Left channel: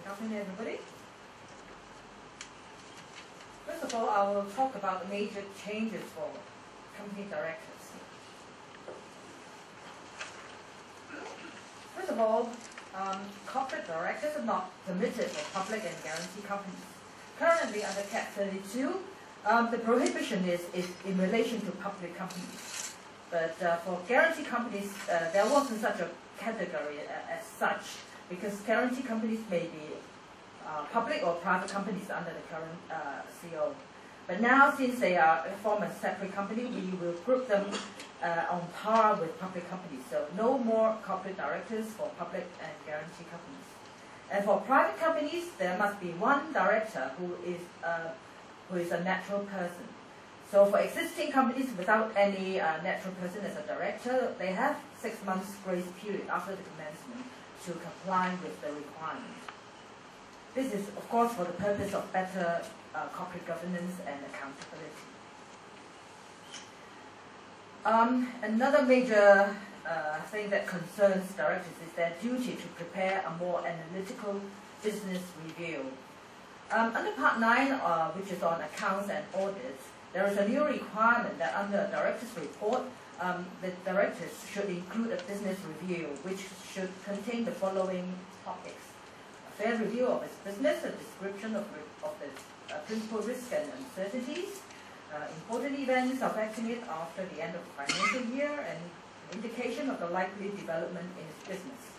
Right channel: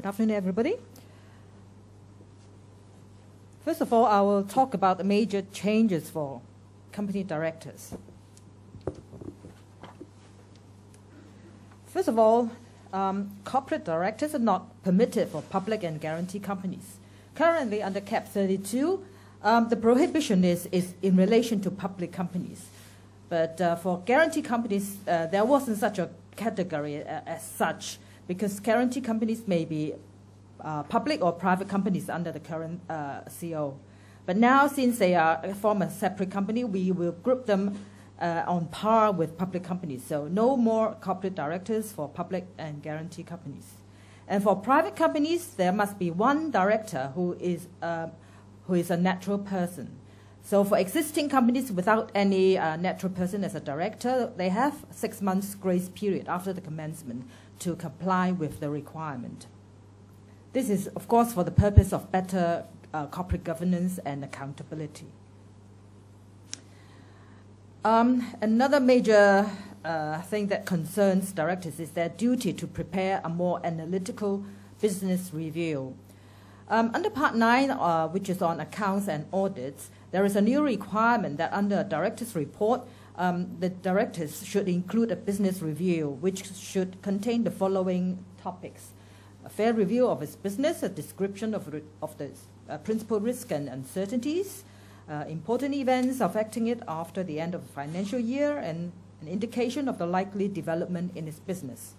Good afternoon, everybody. First of all, I will talk about the major changes for company directors. First of all, corporate directors are not permitted for public and guarantee companies. Currently, under Cap 32, the prohibition is in relation to public companies. But for guarantee companies, there wasn't such a category as such, because guarantee companies may be public or private companies under the current CO. But now, since they are form a separate company, we will group them on par with public companies. So no more corporate directors for public and guarantee companies. And for private companies, there must be one director who is a natural person. So for existing companies without any natural person as a director, they have 6 months grace period after the commencement to comply with the requirement. This is, of course, for the purpose of better corporate governance and accountability. Another major thing that concerns directors is their duty to prepare a more analytical business review. Under Part 9, which is on accounts and audits, there is a new requirement that under a director's report, the directors should include a business review, which should contain the following topics: a fair review of its business, a description of the principal risks and uncertainties, important events affecting it after the end of the financial year, and an indication of the likely development in its business.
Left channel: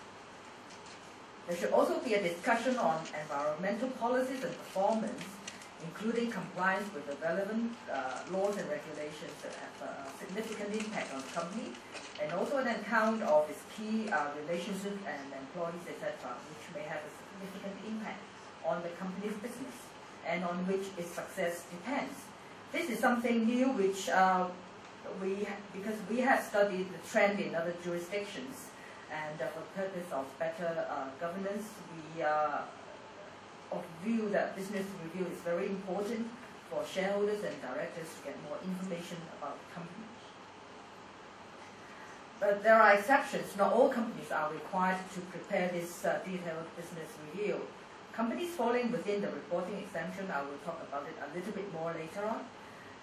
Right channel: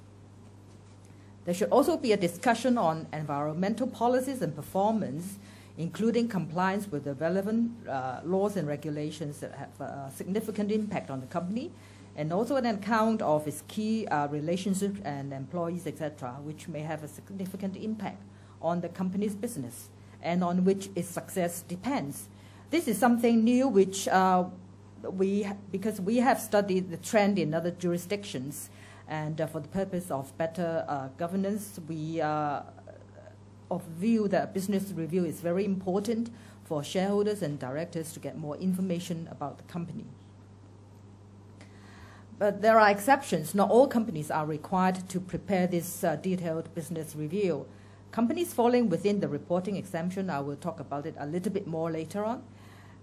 There should also be a discussion on environmental policies and performance, including compliance with the relevant laws and regulations that have a significant impact on the company, and also an account of its key relationships and employees, etc., which may have a significant impact on the company's business and on which its success depends. This is something new which because we have studied the trend in other jurisdictions, and for the purpose of better governance, we of view that business review is very important for shareholders and directors to get more information about the company. But there are exceptions. Not all companies are required to prepare this detailed business review. Companies falling within the reporting exemption, I will talk about it a little bit more later on.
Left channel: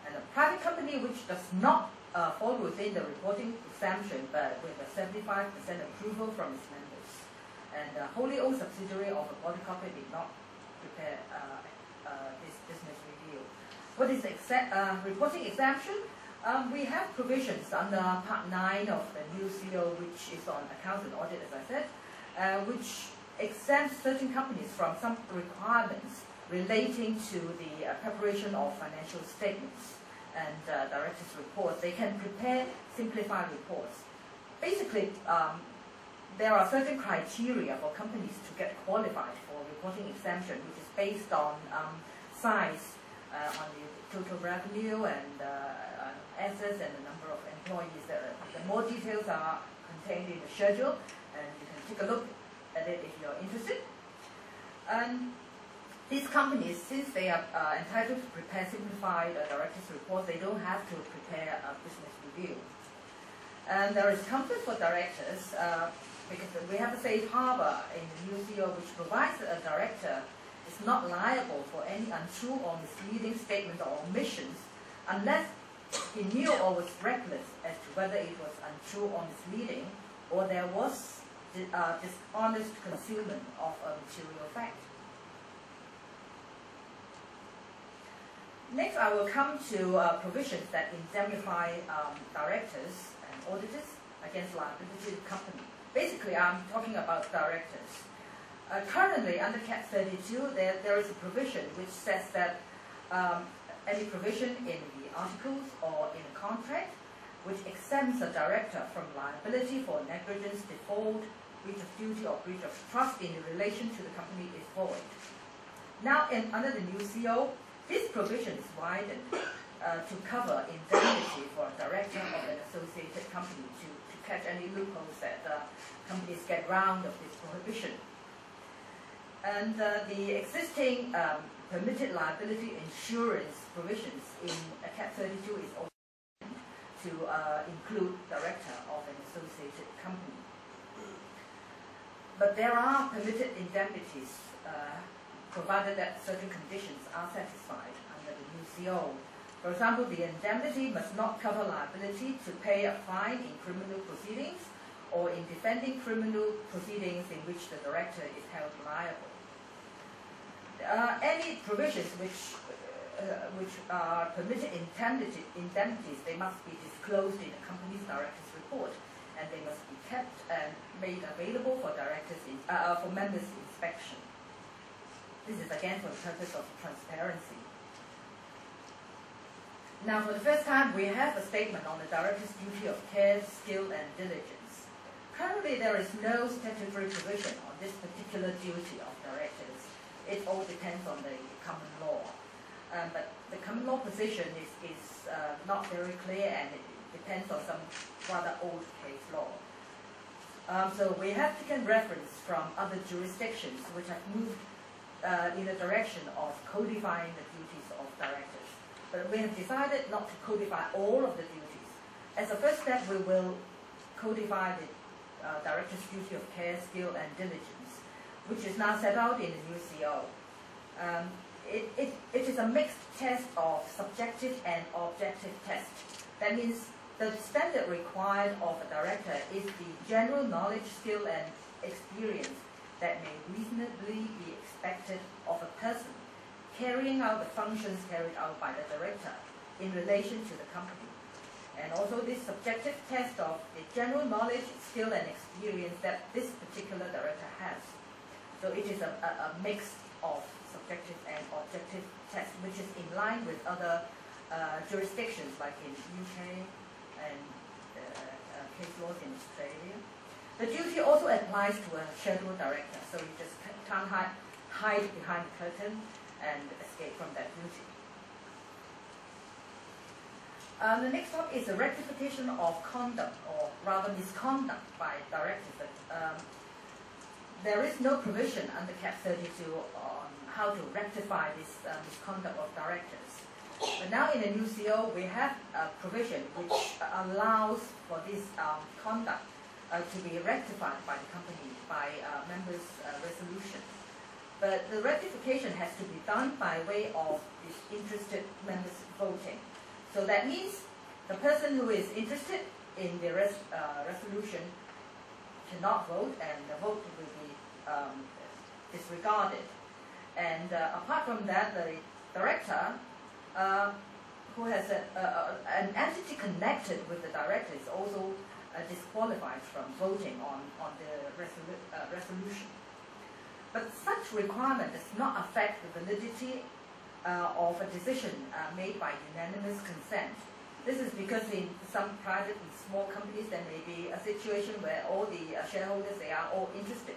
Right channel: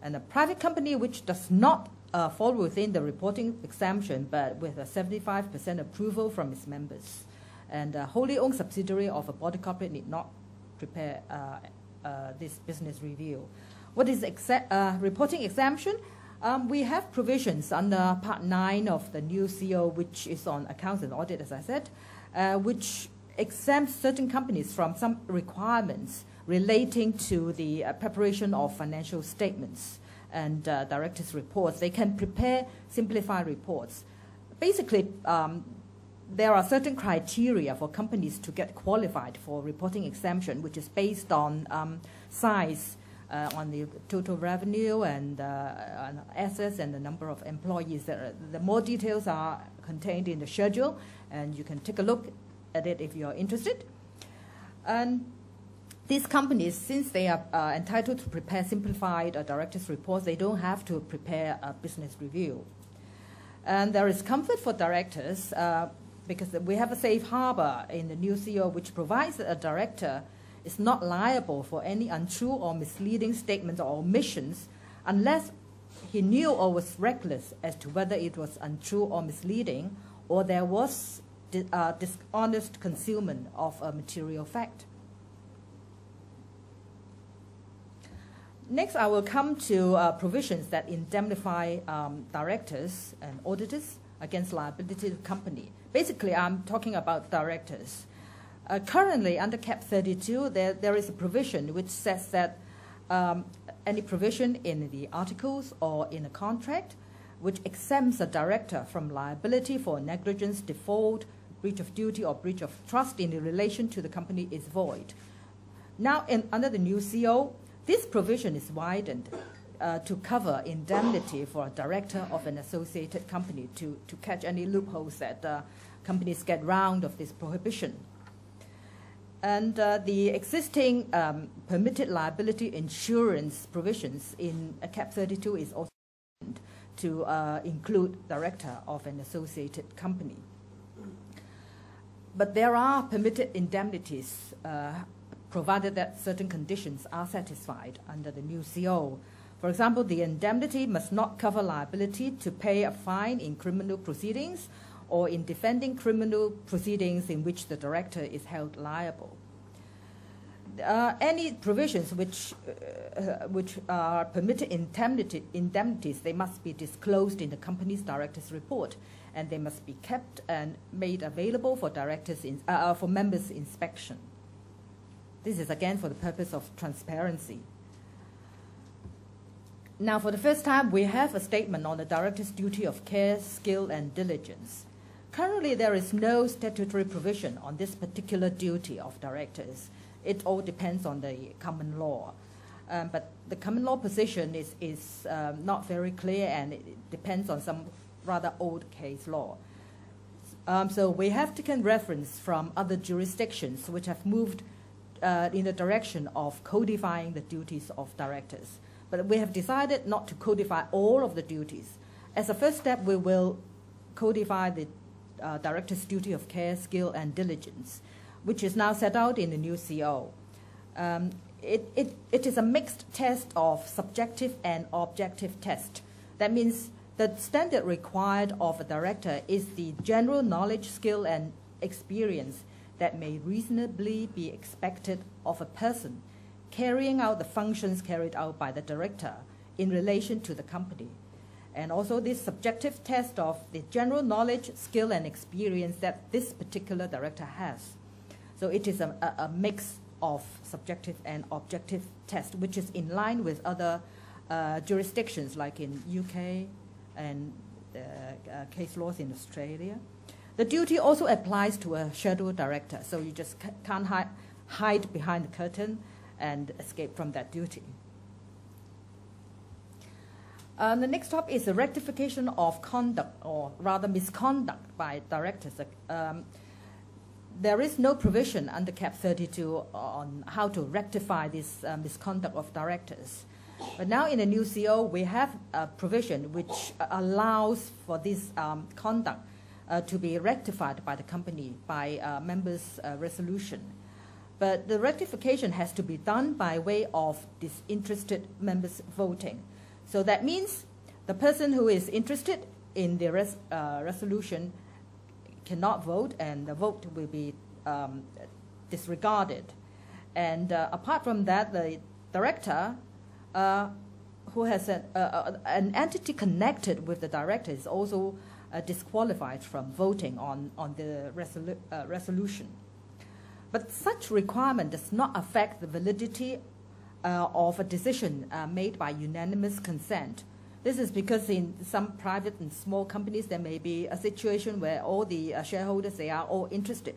And a private company which does not fall within the reporting exemption, but with a 75% approval from its members, and a wholly owned subsidiary of a body corporate need not prepare this business review. What is reporting exemption? We have provisions under Part 9 of the new CO, which is on accounts and audit, as I said, which exempts certain companies from some requirements relating to the preparation of financial statements and directors' reports. They can prepare simplified reports. Basically, there are certain criteria for companies to get qualified for reporting exemption, which is based on size, on the total revenue and assets and the number of employees. The more details are contained in the schedule, and you can take a look at it if you're interested. And these companies, since they are entitled to prepare simplified directors' reports, they don't have to prepare a business review. And there is comfort for directors because we have a safe harbor in the new CO which provides that a director is not liable for any untrue or misleading statements or omissions unless he knew or was reckless as to whether it was untrue or misleading, or there was dishonest concealment of a material fact. Next, I will come to provisions that indemnify directors and auditors against liability to the company. Basically, I'm talking about directors. Currently, under Cap 32, there is a provision which says that any provision in the articles or in a contract which exempts a director from liability for negligence, default, breach of duty, or breach of trust in relation to the company is void. Now, under the new CO, this provision is widened to cover indemnity for a director of an associated company to catch any loopholes that companies get round of this prohibition. And the existing permitted liability insurance provisions in Cap 32 is also to include director of an associated company. But there are permitted indemnities provided that certain conditions are satisfied under the new CO. For example, the indemnity must not cover liability to pay a fine in criminal proceedings or in defending criminal proceedings in which the director is held liable. Any provisions which are permitted indemnities, they must be disclosed in the company's director's report, and they must be kept and made available for for members' inspection. This is again for the purpose of transparency. Now, for the first time, we have a statement on the director's duty of care, skill, and diligence. Currently, there is no statutory provision on this particular duty of directors. It all depends on the common law. But the common law position is not very clear, and it depends on some rather old case law. So we have taken reference from other jurisdictions which have moved in the direction of codifying the duties of directors. But we have decided not to codify all of the duties. As a first step, we will codify the director's duty of care, skill, and diligence, which is now set out in the new CO. It is a mixed test of subjective and objective test. That means the standard required of a director is the general knowledge, skill, and experience that may reasonably be expected of a person carrying out the functions carried out by the director in relation to the company. And also this subjective test of the general knowledge, skill, and experience that this particular director has. So it is a mix of subjective and objective test, which is in line with other jurisdictions like in UK and case laws in Australia. The duty also applies to a shadow director, so you just can't hide behind the curtain and escape from that duty. The next topic is the rectification of conduct, or rather misconduct, by directors. There is no provision under Cap 32 on how to rectify this misconduct of directors. But now in the new CO, we have a provision which allows for this conduct to be rectified by the company by members' resolution. But the rectification has to be done by way of disinterested members voting. So that means the person who is interested in the resolution cannot vote, and the vote will be disregarded. And apart from that, the director who has an entity connected with the director is also disqualified from voting on the resolution. But such requirement does not affect the validity of a decision made by unanimous consent. This is because in some private and small companies there may be a situation where all the shareholders, they are all interested.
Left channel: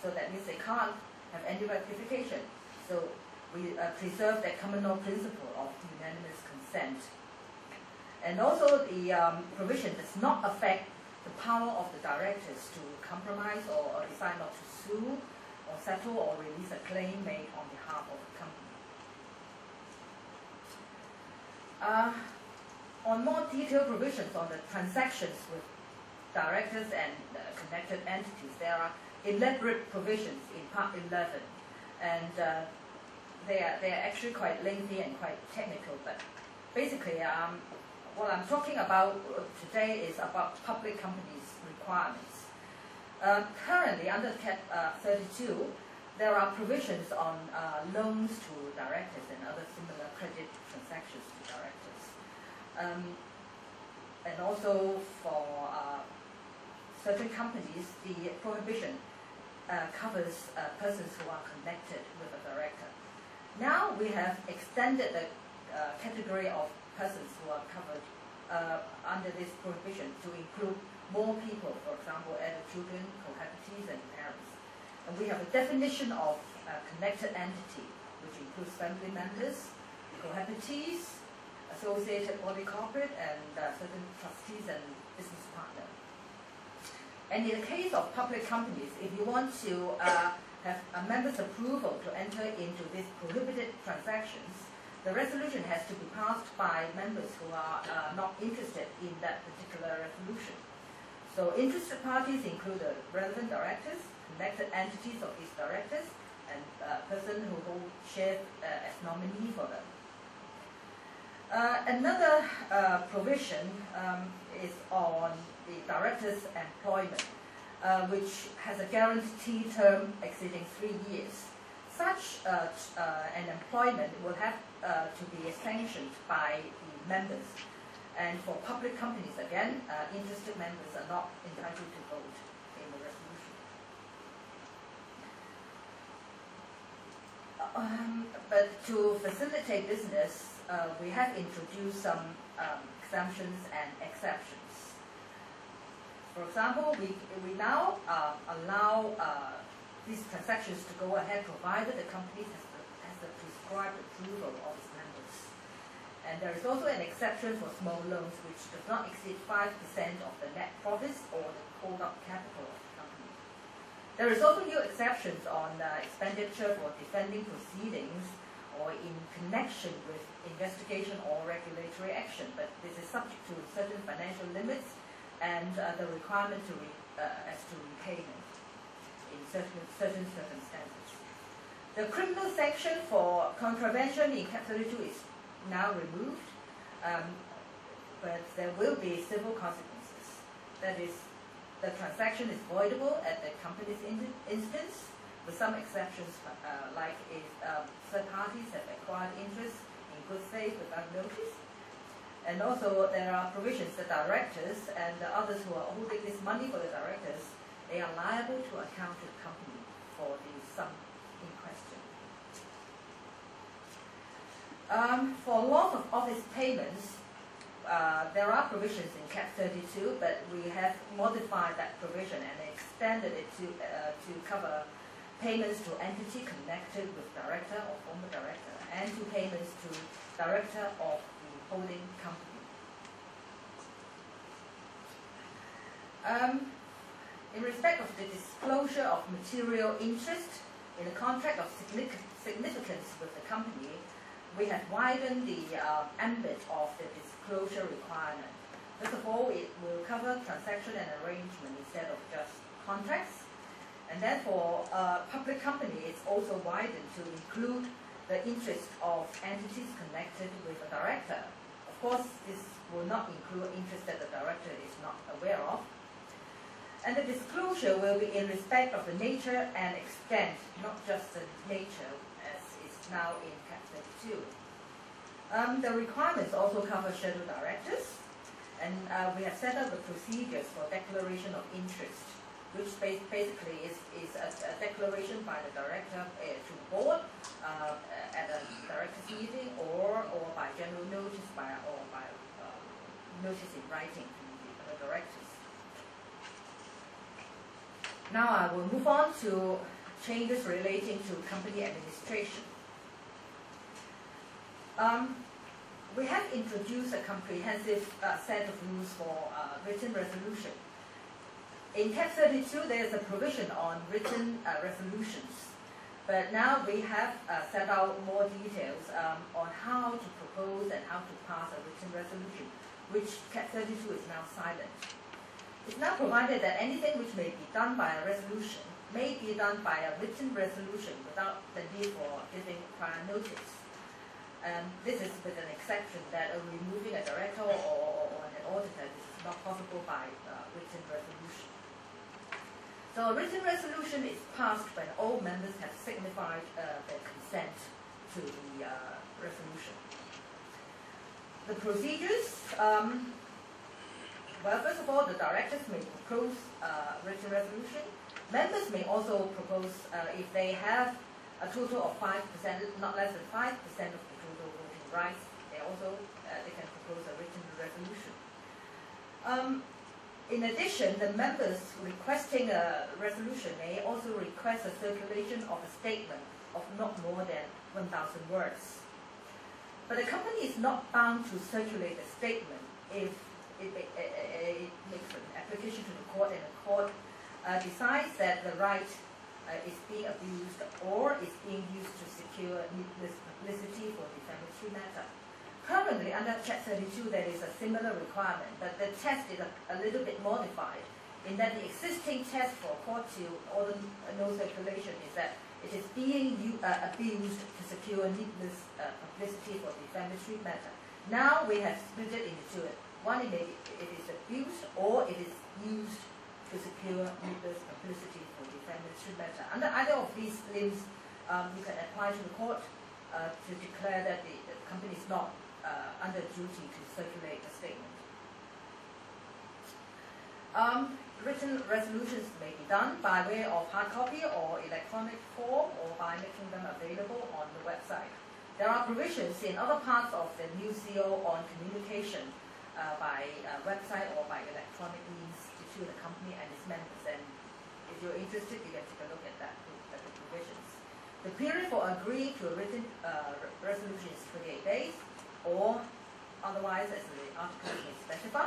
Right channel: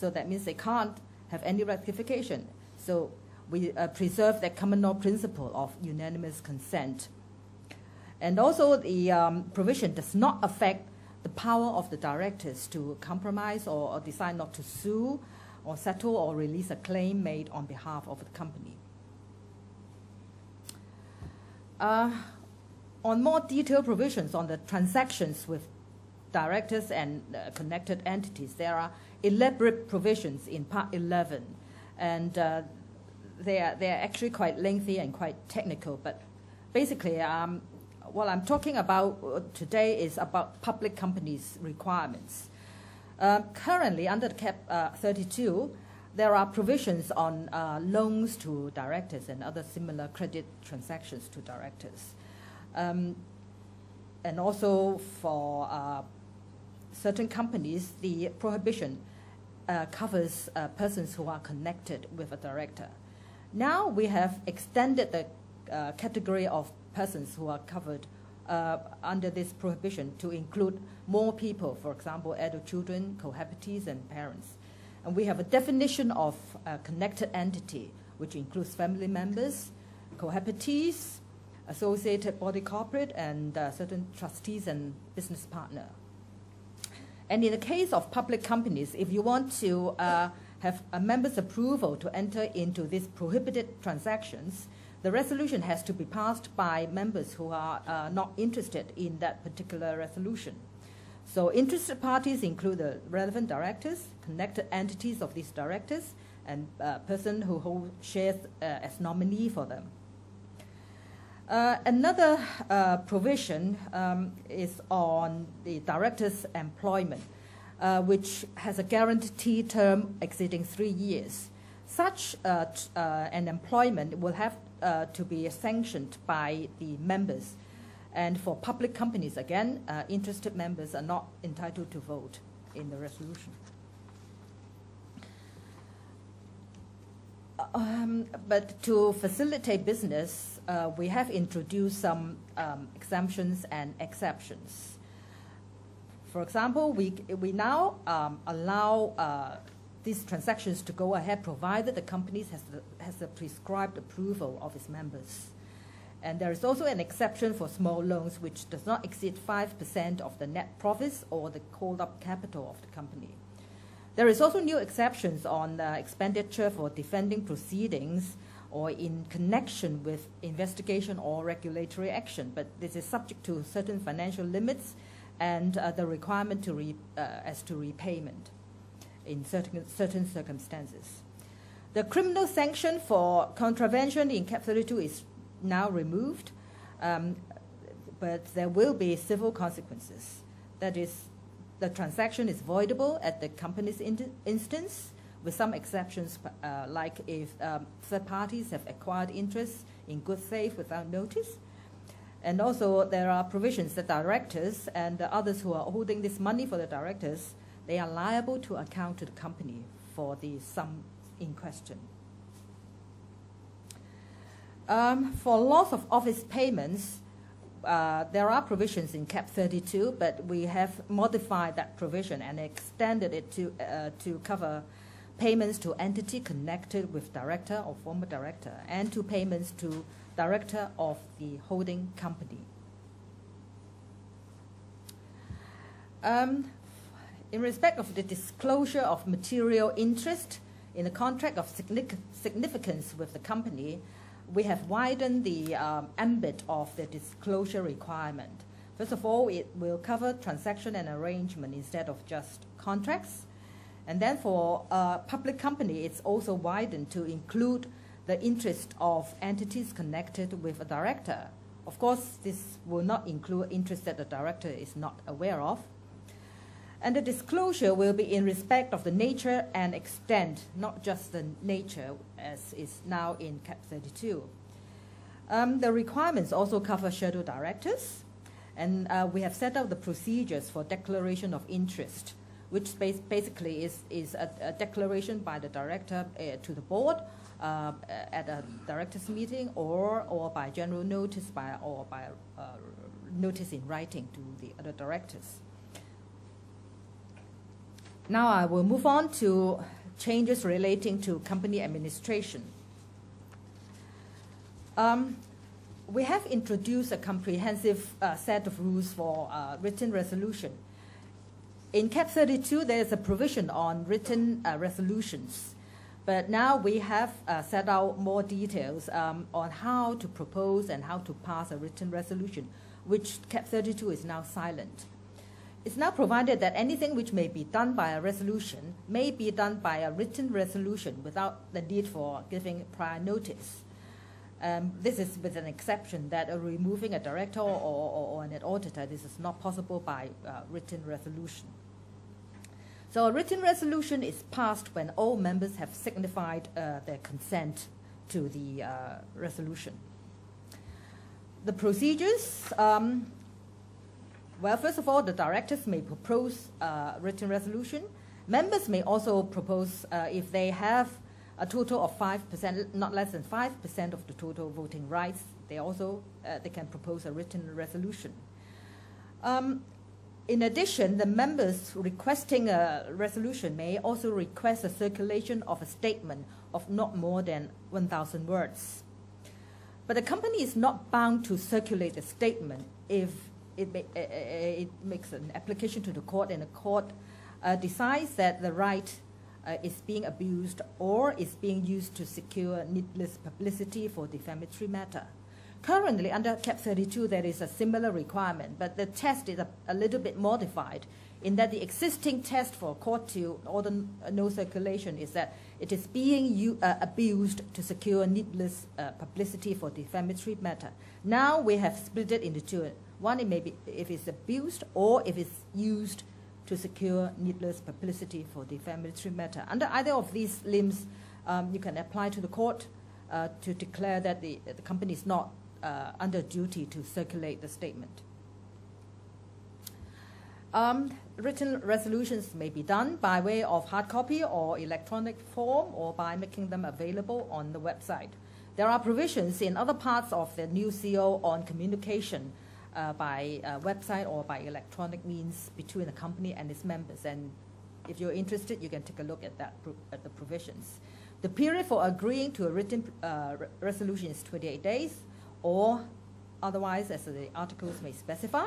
So that means they can't have any rectification. So we preserve that common law principle of unanimous consent. And also the provision does not affect the power of the directors to compromise or decide not to sue or settle or release a claim made on behalf of a company. On more detailed provisions on the transactions with directors and connected entities, there are elaborate provisions in Part 11, and they are actually quite lengthy and quite technical. But basically, what I'm talking about today is about public companies' requirements. Currently, under Cap 32, there are provisions on loans to directors and other similar credit transactions to directors. And also for certain companies, the prohibition covers persons who are connected with a director. Now we have extended the category of persons who are covered under this prohibition to include more people, for example, adult children, cohabitees, and parents. And we have a definition of a connected entity, which includes family members, cohabitees, associated body corporate, and certain trustees and business partner. And in the case of public companies, if you want to have a member's approval to enter into these prohibited transactions, the resolution has to be passed by members who are not interested in that particular resolution. So interested parties include the relevant directors, connected entities of these directors and person who hold shares as nominee for them. Another provision is on the director's employment, which has a guaranteed term exceeding 3 years. Such an employment will have to be sanctioned by the members. And for public companies, again, interested members are not entitled to vote in the resolution. But to facilitate business, we have introduced some exemptions and exceptions. For example, we now allow these transactions to go ahead provided the company has the prescribed approval of its members. And there is also an exception for small loans which does not exceed 5% of the net profits or the called-up capital of the company. There is also new exceptions on expenditure for defending proceedings or in connection with investigation or regulatory action, but this is subject to certain financial limits and the requirement as to repayment in certain circumstances. The criminal sanction for contravention in Cap 32 is now removed, but there will be civil consequences. That is, the transaction is voidable at the company's instance, with some exceptions, like if third parties have acquired interest in good faith without notice. And also there are provisions that directors and the others who are holding this money for the directors, they are liable to account to the company for the sum in question. For loss of office payments, there are provisions in Cap 32, but we have modified that provision and extended it to cover payments to entity connected with director or former director, and to payments to director of the holding company. In respect of the disclosure of material interest in a contract of significance with the company, we have widened the ambit of the disclosure requirement. First of all, it will cover transaction and arrangement instead of just contracts. And then for public company, it's also widened to include the interest of entities connected with a director. Of course, this will not include interest that the director is not aware of. And the disclosure will be in respect of the nature and extent, not just the nature as is now in Cap 32. The requirements also cover shadow directors, and we have set out the procedures for declaration of interest, which basically is a declaration by the director to the board at a directors meeting, or by general notice or by notice in writing to the other directors. Now I will move on to changes relating to company administration. We have introduced a comprehensive set of rules for written resolution. In Cap 32, there is a provision on written resolutions, but now we have set out more details on how to propose and how to pass a written resolution, which Cap 32 is now silent. It's now provided that anything which may be done by a resolution may be done by a written resolution without the need for giving prior notice. This is with an exception that removing a director or an auditor, this is not possible by written resolution. So a written resolution is passed when all members have signified their consent to the resolution. The procedures, well, first of all, the directors may propose written resolution. Members may also propose, if they have a total of 5%, not less than 5% of the total voting rights, they also they can propose a written resolution. In addition, the members requesting a resolution may also request a circulation of a statement of not more than 1,000 words. But the company is not bound to circulate a statement if it makes an application to the court and the court decides that the right is being abused or is being used to secure needless publicity for defamatory matter. Currently, under Cap 32, there is a similar requirement, but the test is a little bit modified. in that the existing test for court to order no circulation is that it is being abused to secure needless publicity for defamatory matter. Now we have split it into two. One, it may be if it's abused or if it's used to secure needless publicity for defamatory matter. Under either of these limbs, you can apply to the court to declare that the company is not under duty to circulate the statement. Written resolutions may be done by way of hard copy or electronic form, or by making them available on the website. There are provisions in other parts of the new CO on communication by website or by electronic means between the company and its members, and if you're interested, you can take a look at that, at the provisions. The period for agreeing to a written resolution is 28 days, or otherwise as the articles may specify.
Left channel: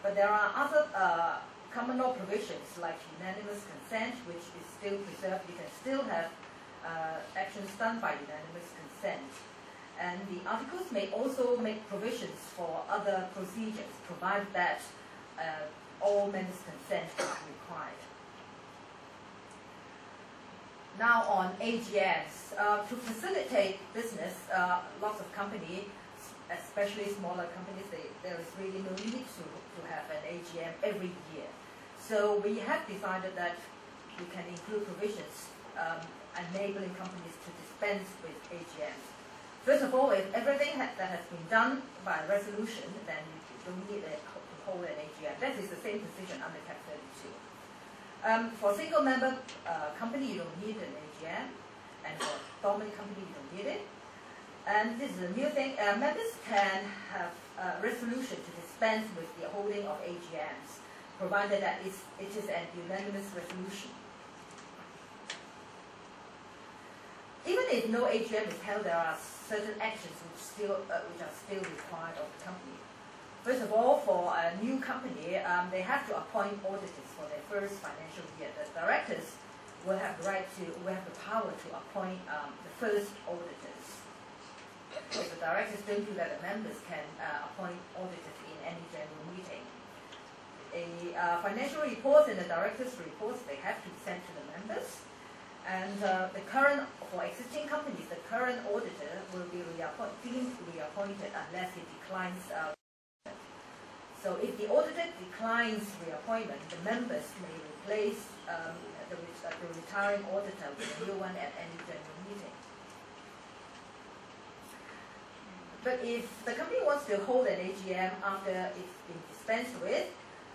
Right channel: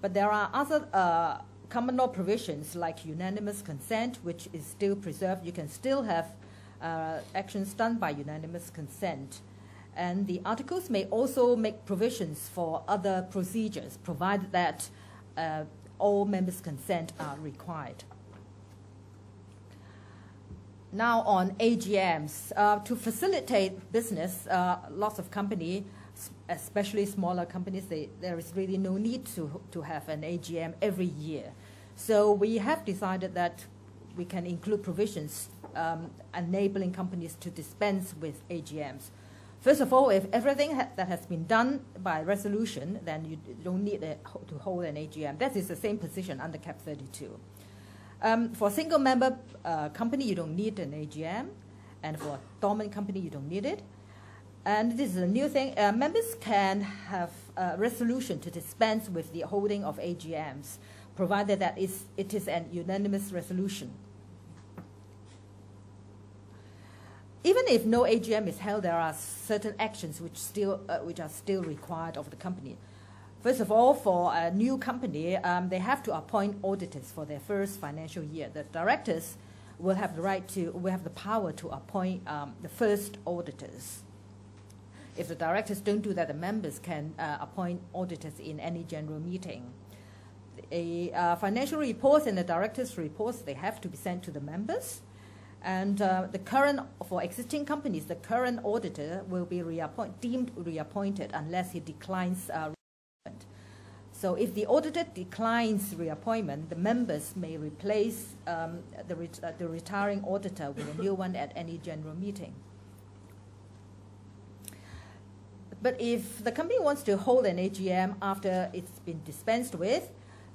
But there are other common law provisions like unanimous consent, which is still preserved. You can still have actions done by unanimous consent. And the articles may also make provisions for other procedures, provided that all members' consent are required. Now on AGMs, to facilitate business, lots of companies, especially smaller companies, there is really no need to have an AGM every year. So we have decided that we can include provisions enabling companies to dispense with AGMs. First of all, if everything that has been done by resolution, then you don't need to hold an AGM. That is the same position under Cap 32. For a single member company, you don't need an AGM, and for a dormant company, you don't need it. And this is a new thing. Members can have a resolution to dispense with the holding of AGMs, provided that it is an unanimous resolution. Even if no AGM is held, there are certain actions which are still required of the company. First of all, for a new company, they have to appoint auditors for their first financial year. The directors will have the power to appoint the first auditors. If the directors don't do that, the members can appoint auditors in any general meeting. Financial reports and the directors' reports, they have to be sent to the members. And for existing companies, the current auditor will be deemed reappointed unless he declines reappointment. So if the auditor declines reappointment, the members may replace the retiring auditor with a new one at any general meeting. But if the company wants to hold an AGM after it's been dispensed with,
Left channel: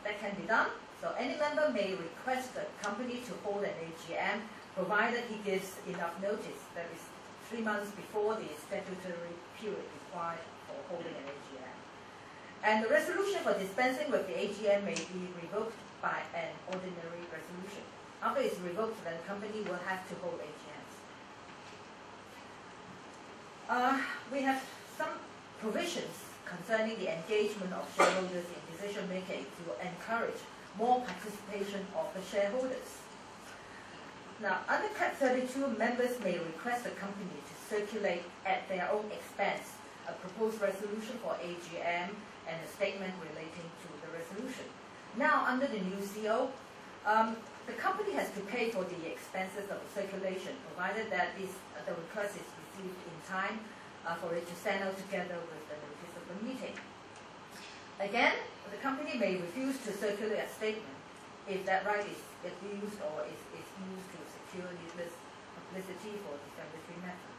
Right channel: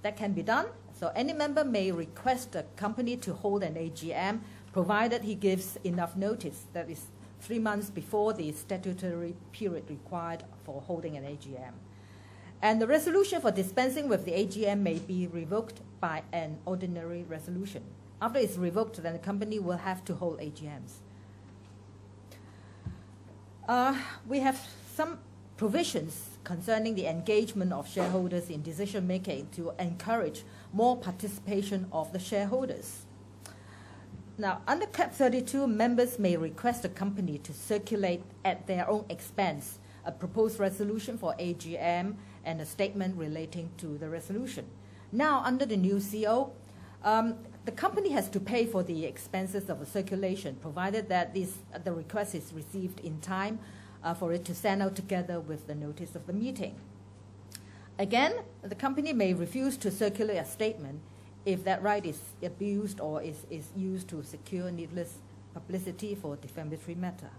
that can be done. So any member may request the company to hold an AGM, provided he gives enough notice, that is 3 months before the statutory period required for holding an AGM. And the resolution for dispensing with the AGM may be revoked by an ordinary resolution. After it's revoked, then the company will have to hold AGMs. We have some provisions concerning the engagement of shareholders in decision making to encourage more participation of the shareholders. Now, under Cap 32, members may request the company to circulate at their own expense a proposed resolution for AGM and a statement relating to the resolution. Now, under the new CO, the company has to pay for the expenses of the circulation, provided that the request is received in time for it to send out together with the notice of the meeting. Again, the company may refuse to circulate a statement if that right is abused or is used to secure needless publicity for defamatory matter.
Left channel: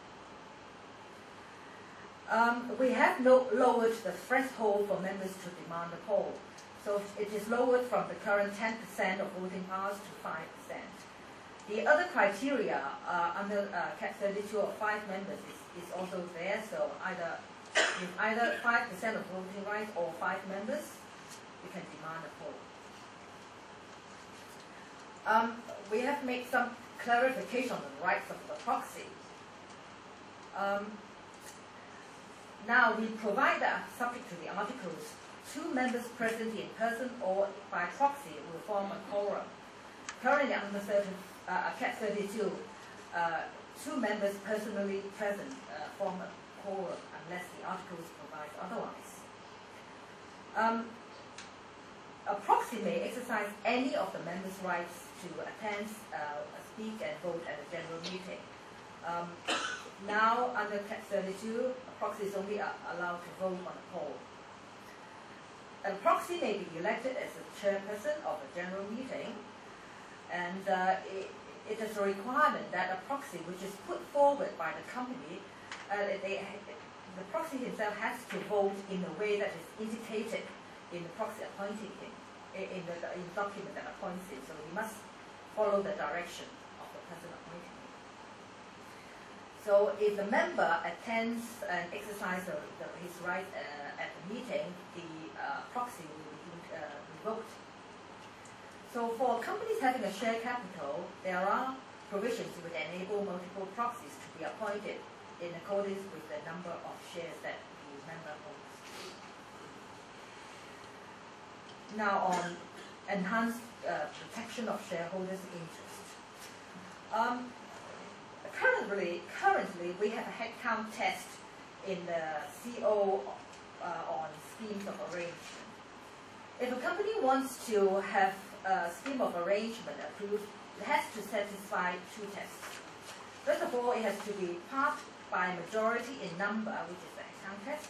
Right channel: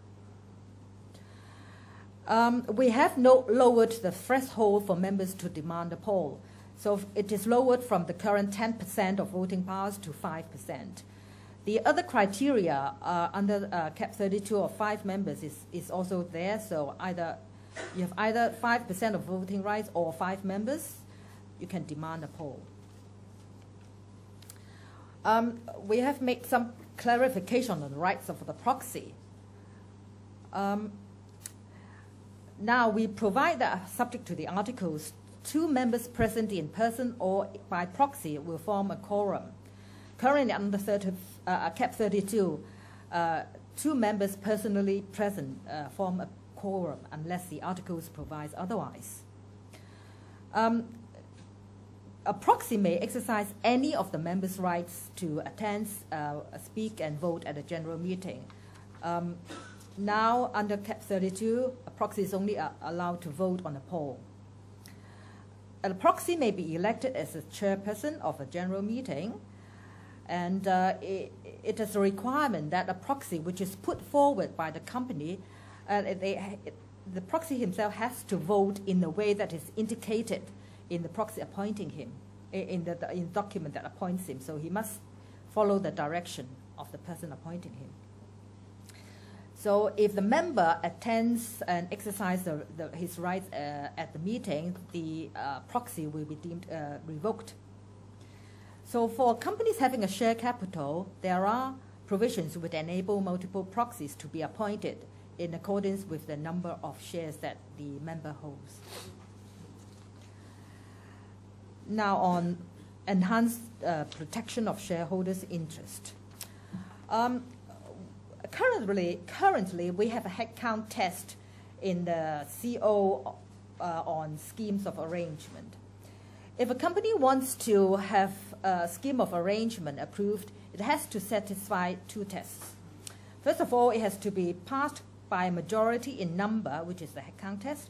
We have lowered the threshold for members to demand a poll. So it is lowered from the current 10% of voting powers to 5%. The other criteria under Cap 32 of 5 members is also there. So you have either 5% of voting rights or 5 members, you can demand a poll. We have made some clarification on the rights of the proxy. Now we provide that, subject to the articles, 2 members present in person or by proxy will form a quorum. Currently under Cap 32, 2 members personally present form a quorum unless the articles provides otherwise. a proxy may exercise any of the members' rights to attend, speak and vote at a general meeting. Now, under Cap 32, a proxy is only allowed to vote on a poll. A proxy may be elected as a chairperson of a general meeting, and it is a requirement that a proxy which is put forward by the company, the proxy himself has to vote in the way that is indicated in the proxy appointing him, in the document that appoints him. So he must follow the direction of the person appointing him. So if the member attends and exercises his rights at the meeting, the proxy will be deemed revoked. So for companies having a share capital, there are provisions which enable multiple proxies to be appointed in accordance with the number of shares that the member holds. Now on enhanced protection of shareholders' interest. Currently, we have a headcount test in the CO on schemes of arrangement. If a company wants to have a scheme of arrangement approved, it has to satisfy two tests. First of all, it has to be passed by a majority in number, which is the headcount test,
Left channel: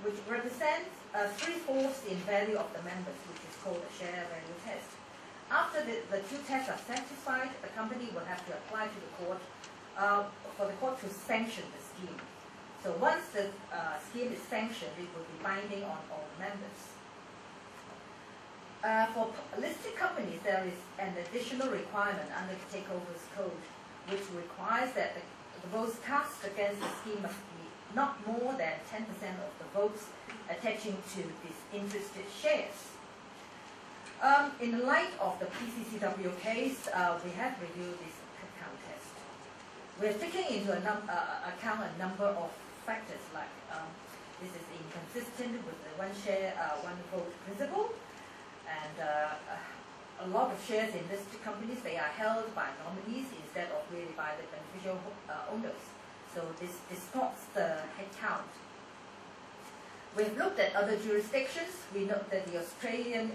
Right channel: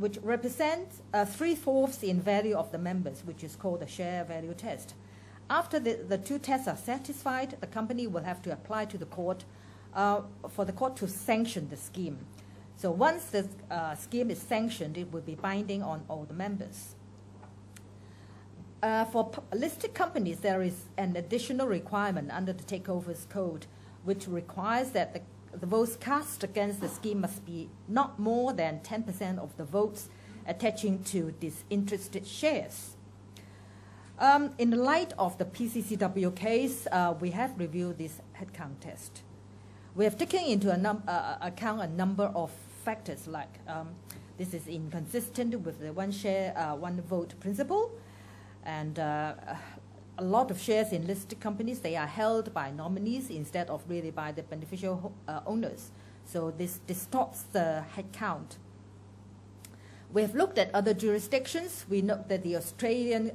which represents 3/4 in value of the members, which is called a share value test. After the two tests are satisfied, the company will have to apply to the court for the court to sanction the scheme. So once the scheme is sanctioned, it will be binding on all the members. For listed companies, there is an additional requirement under the Takeovers Code, which requires that the votes cast against the scheme must be not more than 10% of the votes attaching to disinterested shares. In the light of the PCCW case, we have reviewed this headcount test. We have taken into account a number of factors like this is inconsistent with the one share, one vote principle, and a lot of shares in listed companies, they are held by nominees instead of really by the beneficial owners. So this distorts the headcount. We have looked at other jurisdictions. We note that the Australian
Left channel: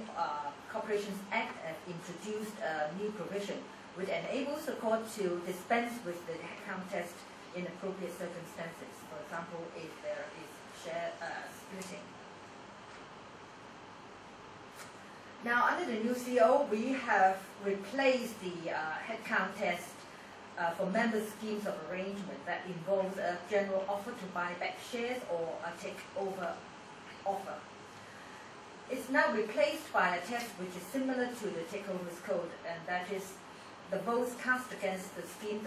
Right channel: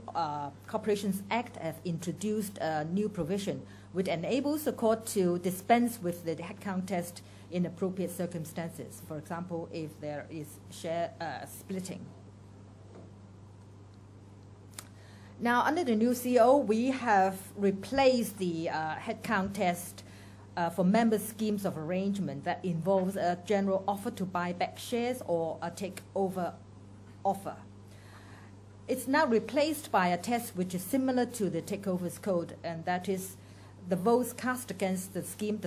Corporations Act have introduced a new provision which enables the court to dispense with the headcount test in appropriate circumstances. For example, if there is share splitting. Now, under the new CO, we have replaced the headcount test for member schemes of arrangement that involves a general offer to buy back shares or a takeover offer. It's now replaced by a test which is similar to the Takeovers Code, and that is the votes cast against the scheme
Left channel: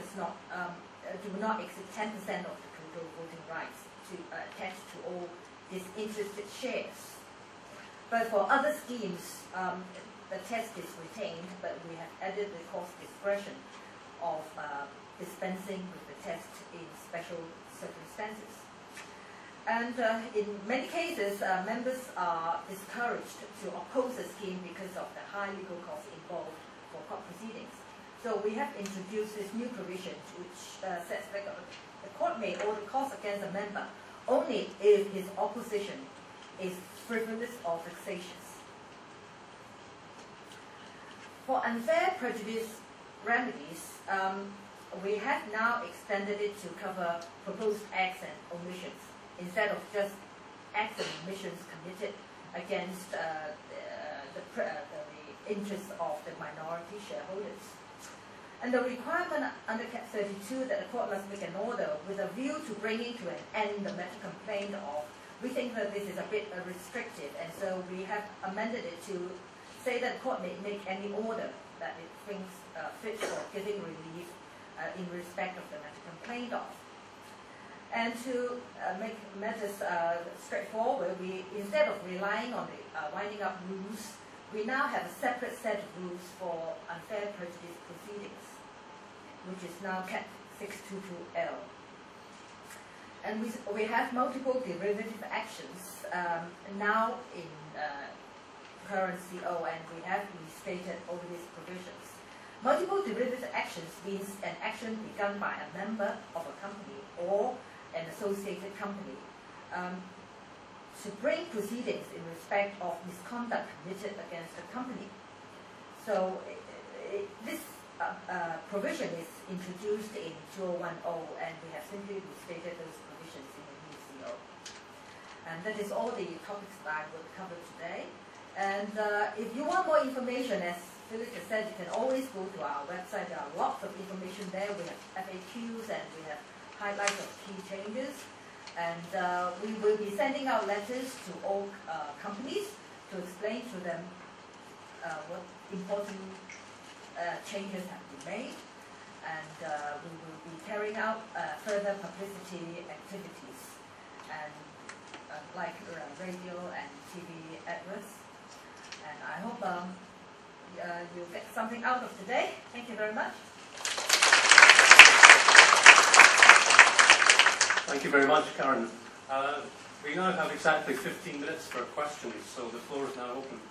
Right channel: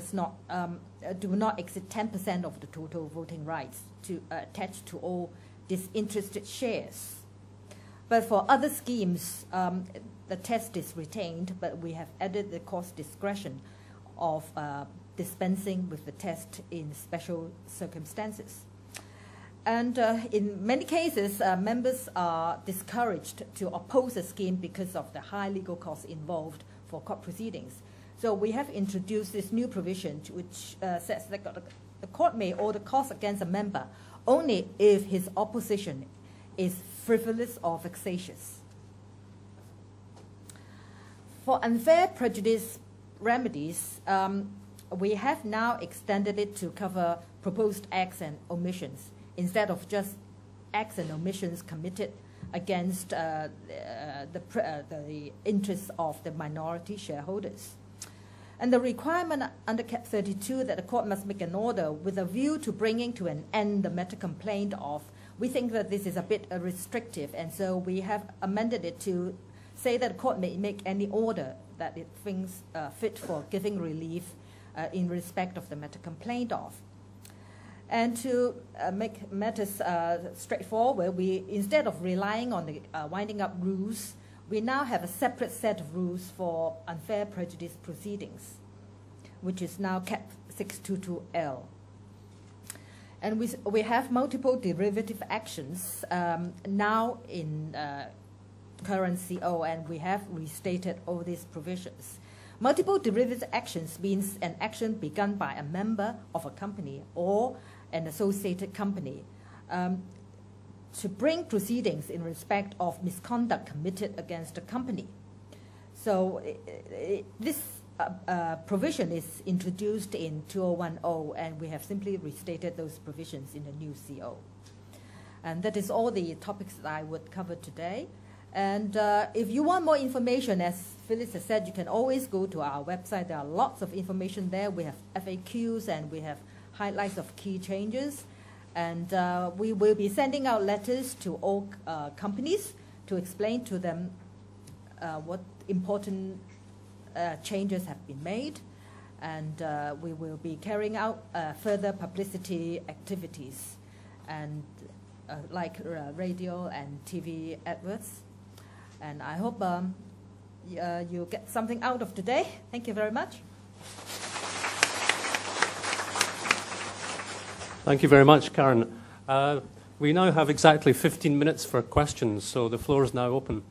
do not exceed 10% of the total voting rights to attach to all disinterested shares. But for other schemes, the test is retained, but we have added the court's discretion of dispensing with the test in special circumstances. And in many cases, members are discouraged to oppose a scheme because of the high legal costs involved for court proceedings. So we have introduced this new provision which says that the court may order costs against a member only if his opposition is frivolous or vexatious. For unfair prejudice remedies, we have now extended it to cover proposed acts and omissions instead of just acts and omissions committed against the interests of the minority shareholders. And the requirement under Cap 32 that the court must make an order with a view to bringing to an end the matter complained of, we think that this is a bit restrictive, and so we have amended it to say that the court may make any order that it thinks fit for giving relief in respect of the matter complained of. And to make matters straightforward, we, instead of relying on the winding up rules, we now have a separate set of rules for unfair prejudice proceedings, which is now Cap 622L. And we have multiple derivative actions now in current CO, and we have restated all these provisions. Multiple derivative actions means an action begun by a member of a company or an associated company to bring proceedings in respect of misconduct committed against a company. So this provision is introduced in 2010, and we have simply restated those provisions in the new CO. And that is all the topics that I would cover today. And if you want more information, as Phyllis has said, you can always go to our website. There are lots of information there. We have FAQs and we have highlights of key changes. And we will be sending out letters to all companies to explain to them what important changes have been made, and we will be carrying out further publicity activities, and like radio and TV adverts. And I hope you'll get something out of today. Thank you very much. Thank you very much, Karen. We now have exactly 15 minutes for questions, so the floor is now open.